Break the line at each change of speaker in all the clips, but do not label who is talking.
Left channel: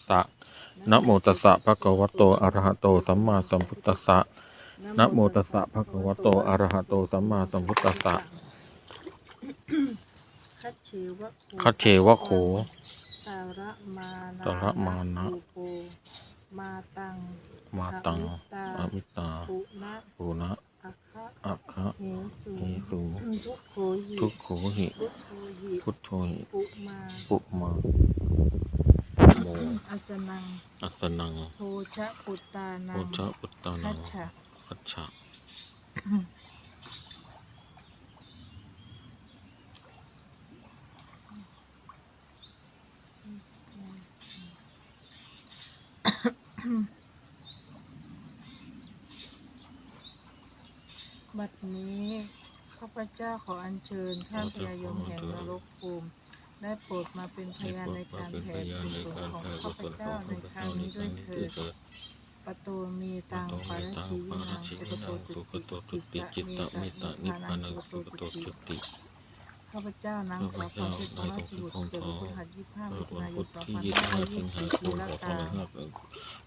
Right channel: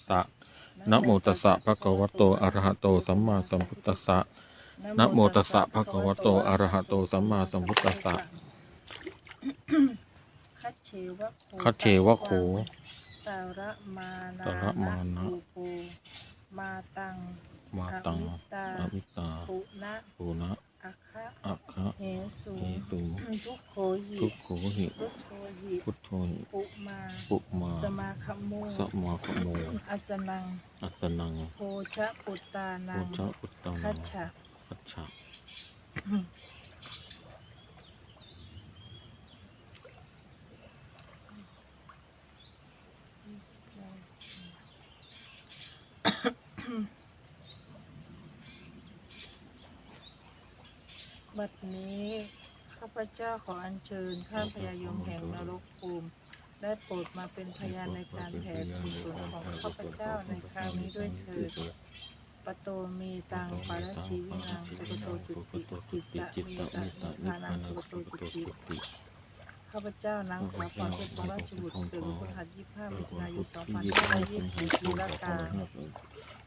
สสะนะโมตัสสะภะคะวะโตอะระหะโตสัมมาสัมพุทธัสสะนะโมตัสสะภะคะวะโตอะระหะโตสัมมาสัมพุทธัสสะ
คัจเชวะโค
คัจเชวะโข
ตาระมานะ
ตระมานะ
ภูโปมาตัง
มาตัง
อ
อมิตา
ปุนะ
ปูนะ
อัคคะ
อัคคะ
เหสุ
เอสุ
ทุกโขหิ
ทุกโขหิ
พุทโธหิ
พุทโธหิ
ปุมา
ปุมา
สมาคัมโม
สัมมาโม
อัสนัง
อัสนัง
โพชะปุตตานั
โองชะพุตตานั
คั
ง
จฉะ
คัจฉะ
บัดนี้ข้า พเจ้าขออัญเชิญท่านพญายมแห่งนรกภูมิได้โปรดมาเป็นพยานในการแผ่กุศลของข้าพเจ้าในครั้งนี้ด้วยเถิดปโตมีตังปาราชีวินังปโตจุติจิตตะเมตตานิพพานังปโตจุติข้าพเจ้านางสาวพรเทพราชบุตรเกิดวันพฤหัสยี่สิบห้า
เกิ
มิ
ดวัน
ถุนาย
พุ
น
ธ
สอง
ที่
พัน
ยี่สิบ
ห้า
ห้า
ร้อย
สิ
ยี่
ง
สิบ
หาคมสองพันห้าร้อย
สี่ละกา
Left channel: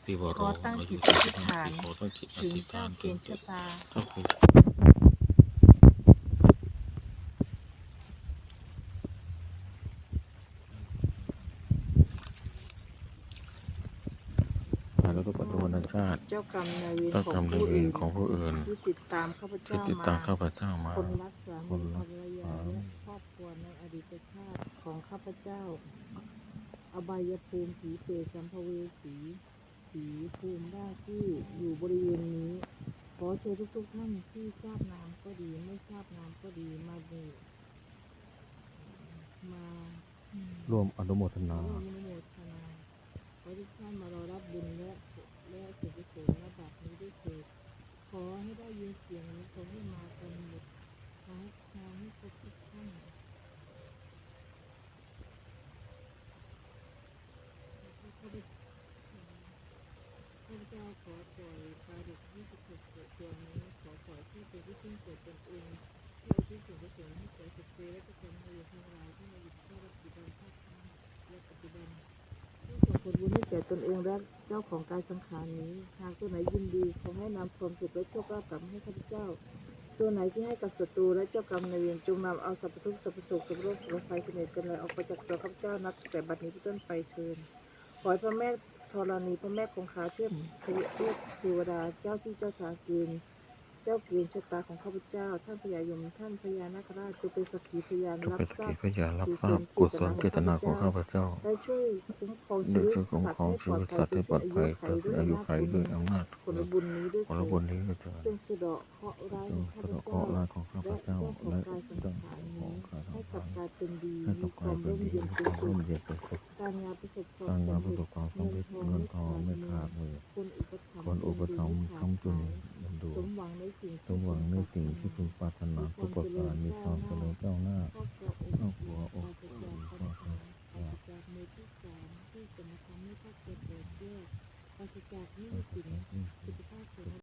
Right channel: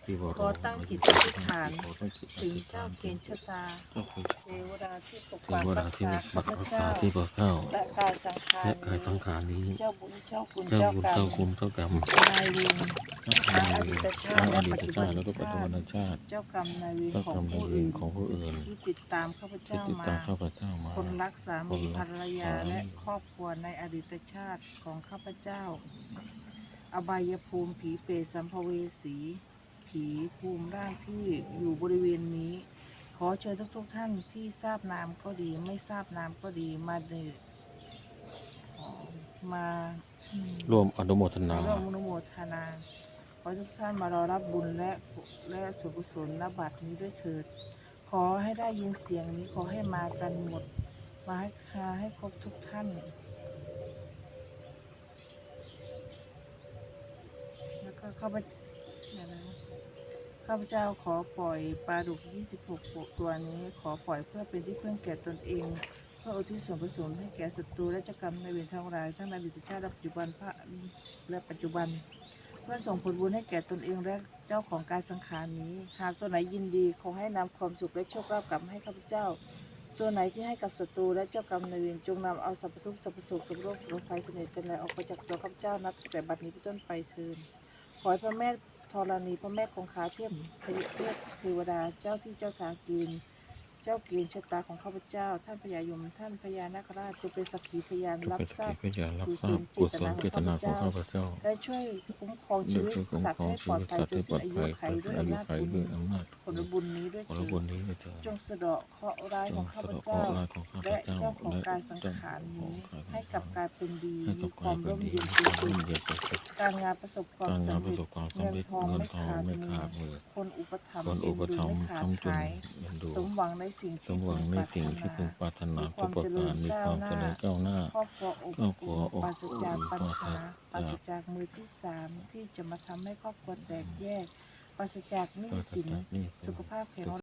ปีวโร
ขอตั้งจิต
อา
อ
ยุ
ธิษฐาน
ขอตั้งจิตอ
ถึง
ธิษ
เจ้า
ฐาน
เก
ถึง
ณฑ์ชะตา
ก็คือ
เทวดาที่ปก
เท
ปัก
ว
รั
ดากที่
ษา
ปก
ข้า
ปัก
พ
รักษา
เจ้า
ที่พระเจ้า
และกายสังขาร
และกายสังขารนี้
เจ้าบุญเจ้าคุณ
เจ้า
เจ้า
บุญ
กรร
เจ้ามคุณเจ้ากรรม
นายเวร
ทั้งอดีตชาติอดีตชาติแล้วก็ปัจจุบันชาติ
เจ้ากรรมนายเวร
เจ้ากรรมนายเวรของผู้อื่น
ที่ติดตามข้าพเจ้า
ติดตามข้า
มา
พเจ้ามา
คนรักสามีภรรยาและครอบครัวในอดีตชาติของข้าพเจ้า อบายภูมิผีเปรตสัมภเวสี ผีภูมิร่างที่อยู่บริเวณนี้ อเชิญทุกๆท่านที่ทราบนามก็ดี ไม่ทราบนามก็ดีมาเดมาอืม
ร่วมอนุโมทนา
ร่วมอนุโมทนาขอให้ทุกท่านมารอรับบุญและและส่วนกุศลนบัตรนี้ด้วยเถิด ขอให้ได้ยินเสียงนี้ขอให้มากันหมด มาให้คาให้ครบทุกท่านแล้วก็ข้าพเจ้า ข้าพเจ้าขอปล่อยปลาดุก 26 ตัวนี้ ขอปล่อยเพื่อเป็นที่พึ่งแก่ตนเอง เพื่ออุทิศส่วนกุศลให้แก่ศัตรูและเจ้ากรรมในเวรทั้งหลายทั้งในอดีตชาติและปัจจุบันพระและปัจจุบัน เพื่อส่งผลบุญให้แก่ตนเองและเจ้าของกายสังขารนี้ หากตัวไหนยินดีขอให้นำความสุขและโชคลาภกลับมาให้ข้าพเจ้า ตัวไหนที่ให้กับศัตรูและเจ้ากรรมในเวรจงนำเอาสรรพทุกข์สรรพสุขสรรพโรคสรรพภัยเสน่ห์จันไรออกไปจากตัวข้าพเจ้านับแต่บัดนี้เป็นต้นไปเทินขอให้พระแม่ ธรณีพระแม่คงคาเทพพยเทพเทวดาเจ้าที่เจ้าทางกิน เจ้าเกณฑ์ชะตาของข้าพเจ้า ท่านพญายม ท่านพญานาคราชจะเป็นสักขีพยาน
ทุก
รับ
เป็นส
ทรา
กิ
บ
พยานรับทราบกุศลเจตนาของข้าพเจ้า
และช่วยคุ้มครอง
โด
ชี
ย
วิต
ช่วยคุ้ม
สัต
ครอง
ว์
ชีวิต
ให้
สัตว์ให้ปลอดภัย
ไข
เกิดอายุไขด้วยอำนาจ
ผลบุญนี้ด้วย
ผล
เถิด
บุญนี้ด้วยเถิด
จงสะเดาะเคราะห์ร้าย
จ
ของงข้า
สะ
พ
เดาะเคราะ
เจ้า
ห์ร้ายของข้าพ
และ
เจ้า
เจ้าของ
และ
กายสัง
เจ้า
ขาร
ของ
นี้
กายสัง
ให้ก
ขา
ลับ
ร
กลายเป็นดี
ให้
มี
กับ
ค
กายวา
ม
เป็น
ร่ม
ดี
เย็น
มี
เป็น
ความ
สุ
ร่ม
ข
เย็นเป็นสุข
การงานประสบความ
การงานประ
สำ
ส
เร็จ
บความสำเร็จเงินทองไม่ขาดมือ
คนอุปถัมภ์
คนอุปถัมภ์
เอ็นดู
ค้ำจุน
ไม่ขาดหาย
เอ็นดู
สมหวังในสิ่ง
สมหวังในสิ่งที่พึงปรารถนาทุกประการมีความเจริญก้าวหน้า
ครอบครัวอบ
ครอบครัวอบ
ปราศจากปัญ
อุ่น
หาป
ปรา
รา
ศ
ศจากมือที่สามที่จะมาทำให้ครอบครัวแตกแยกปราศจากหนี้
ปราศ
สิน
จากหนี้สิน
สุขภาพแข็งแรง